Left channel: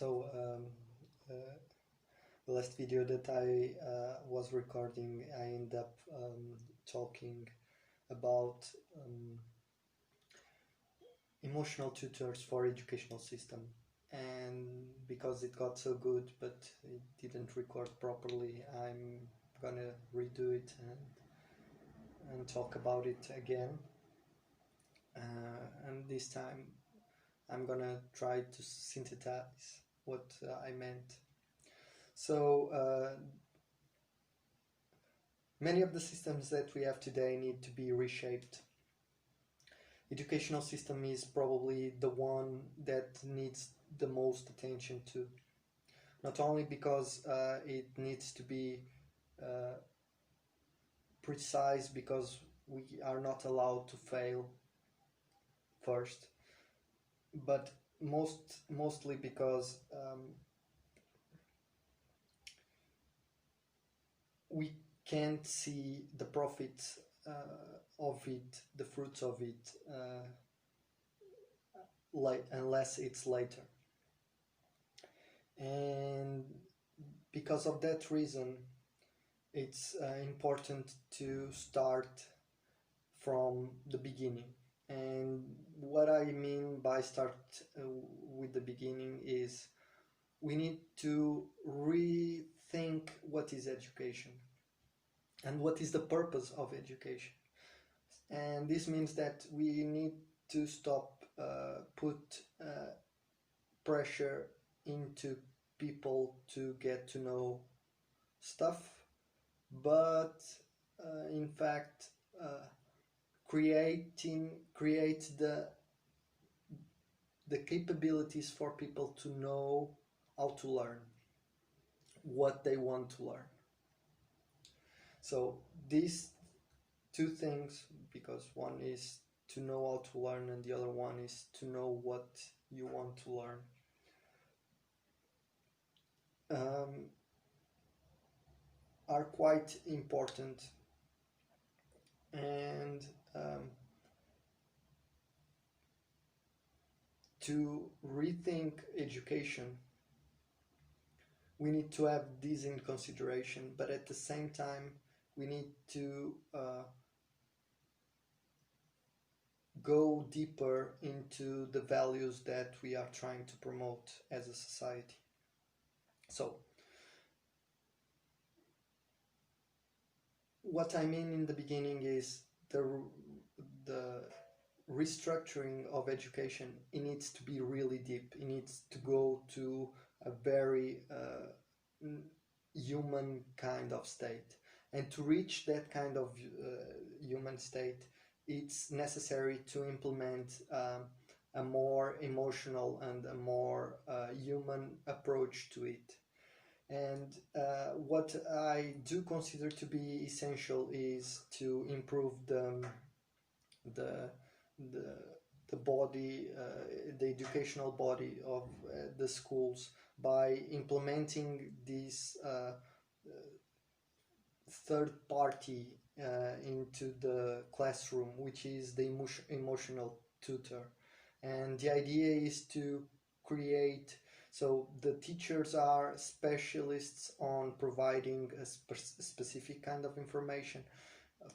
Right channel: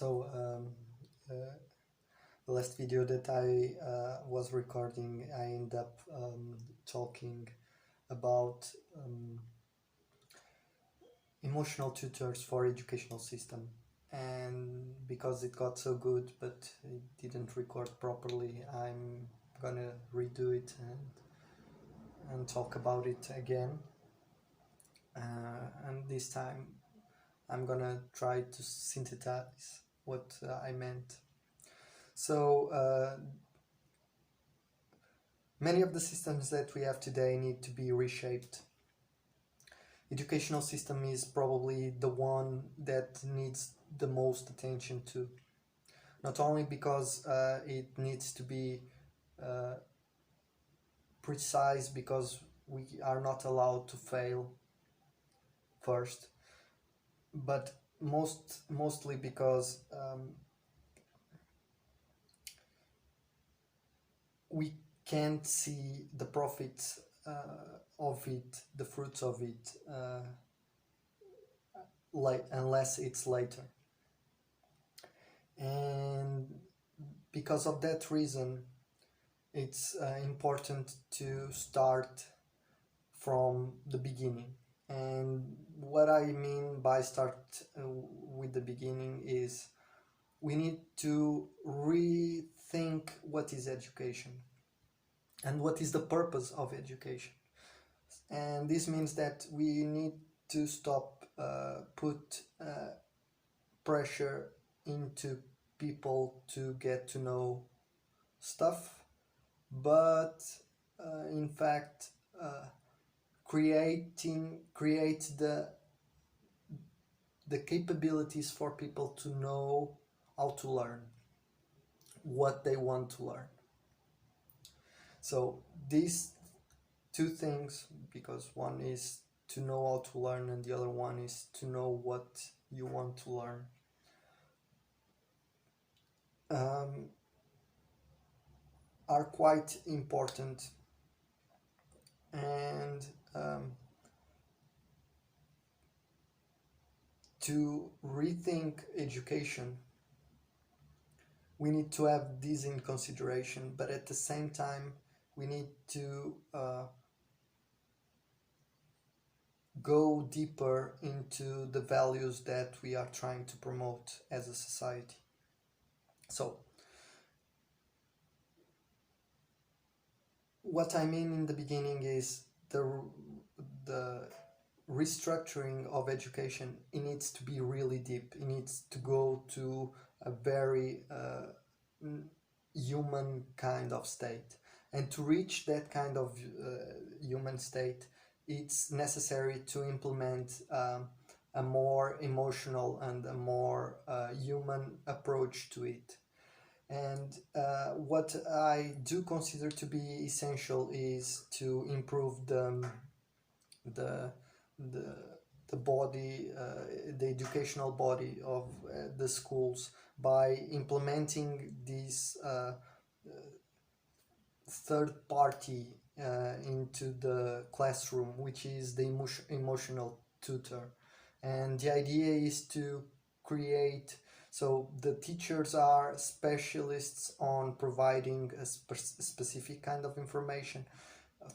So the last video that I was recording, I ended up talking about emotional tutors for educational system, and because it got so good but it didn't record properly, I'm gonna redo it and talk about it again, and this time I'm gonna try to synthesize what I meant. So many of the systems that we have today need to be reshaped. Educational system is probably the one that needs the most attention to, not only because it needs to be precise, because we are not allowed to fail first, but mostly because we can't see the profits of it, the fruits of it, unless it's later. And because of that reason, it's important to start from the beginning. And what I mean by start with the beginning is we need to rethink what is education and what is the purpose of education. And this means that we need to stop put pressure into people to get to know stuff, but in fact create the capabilities for people to know how to learn what they want to learn. So these two things, because one is to know how to learn and the other one is to know what you want to learn, are quite important. And to rethink education, we need to have this in consideration, but at the same time we need to go deeper into the values that we are trying to promote as a society. So what I mean in the beginning is the restructuring of education. It needs to be really deep. It needs to go to a very human kind of state, and to reach that kind of human state, it's necessary to implement a more emotional and a more human approach to it. And what I do consider to be essential is to improve the body, the educational body of the schools, by implementing this third party into the classroom, which is the emotional tutor. And the idea is to create, so the teachers are specialists on providing a specific kind of information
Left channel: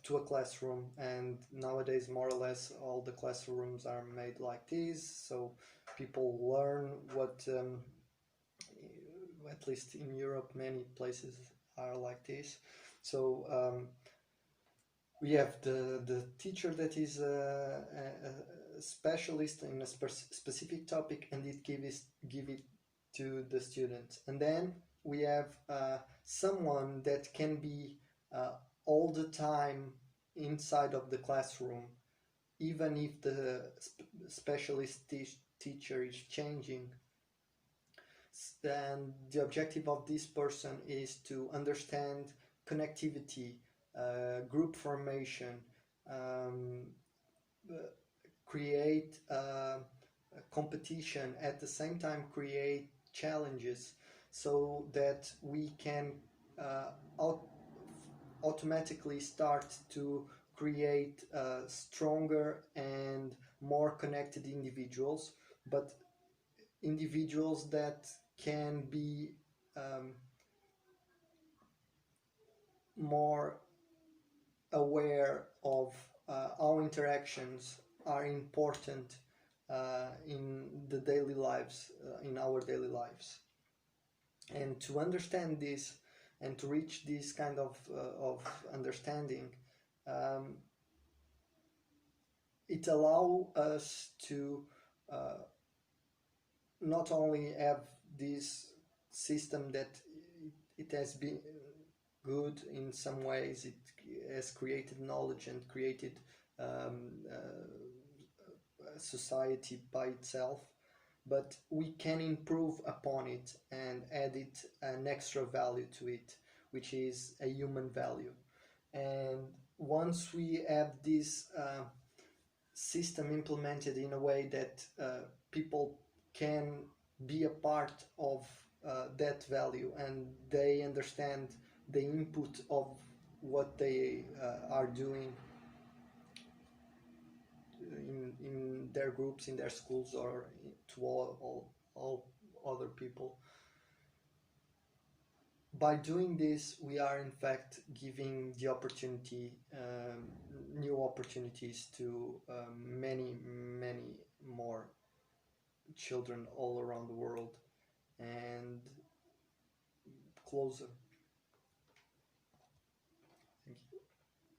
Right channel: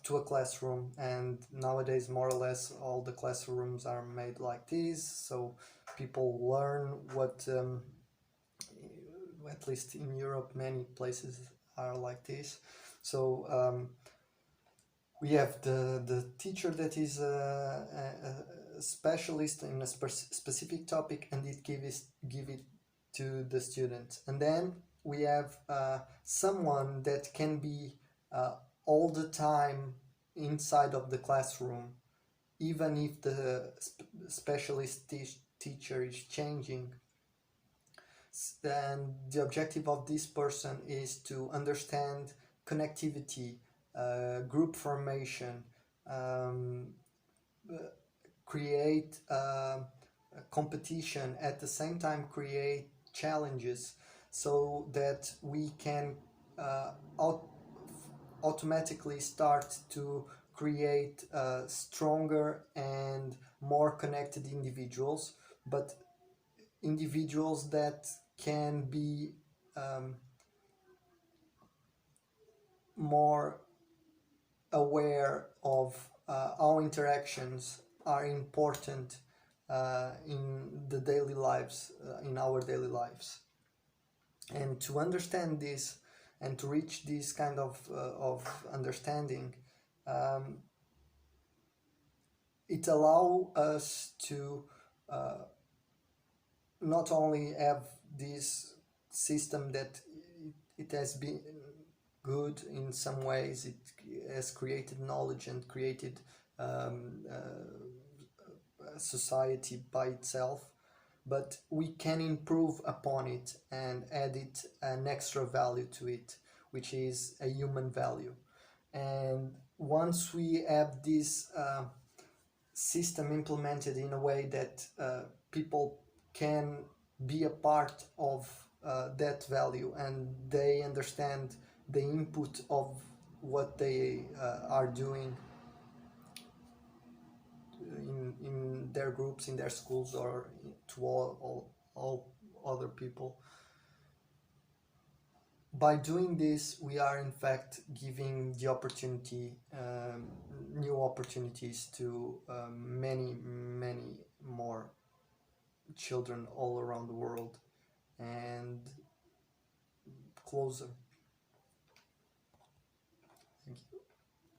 to a classroom, and nowadays more or less all the classrooms are made like this, so people learn what at least in Europe many places are like this. So we have the teacher that is a specialist in a specific topic, and it give it to the students. And then we have someone that can be all the time inside of the classroom, even if the specialist teacher is changing. And the objective of this person is to understand connectivity, group formation, create competition, at the same time create challenges, so that we can automatically start to create stronger and more connected individuals, but individuals that can be more aware of how interactions are important in the daily lives, in our daily lives. And to understand this and to reach this kind of understanding, um, it allows us to not only have this system that it has been good in some ways, it has created knowledge and created a society by itself, but we can improve upon it and add it an extra value to it, which is a human value. And once we have this system implemented in a way that people can be a part of that value, and they understand the input of what they are doing in their groups, in their schools, or to all other people. By doing this, we are in fact giving the opportunity, new opportunities to many more children all around the world, and closer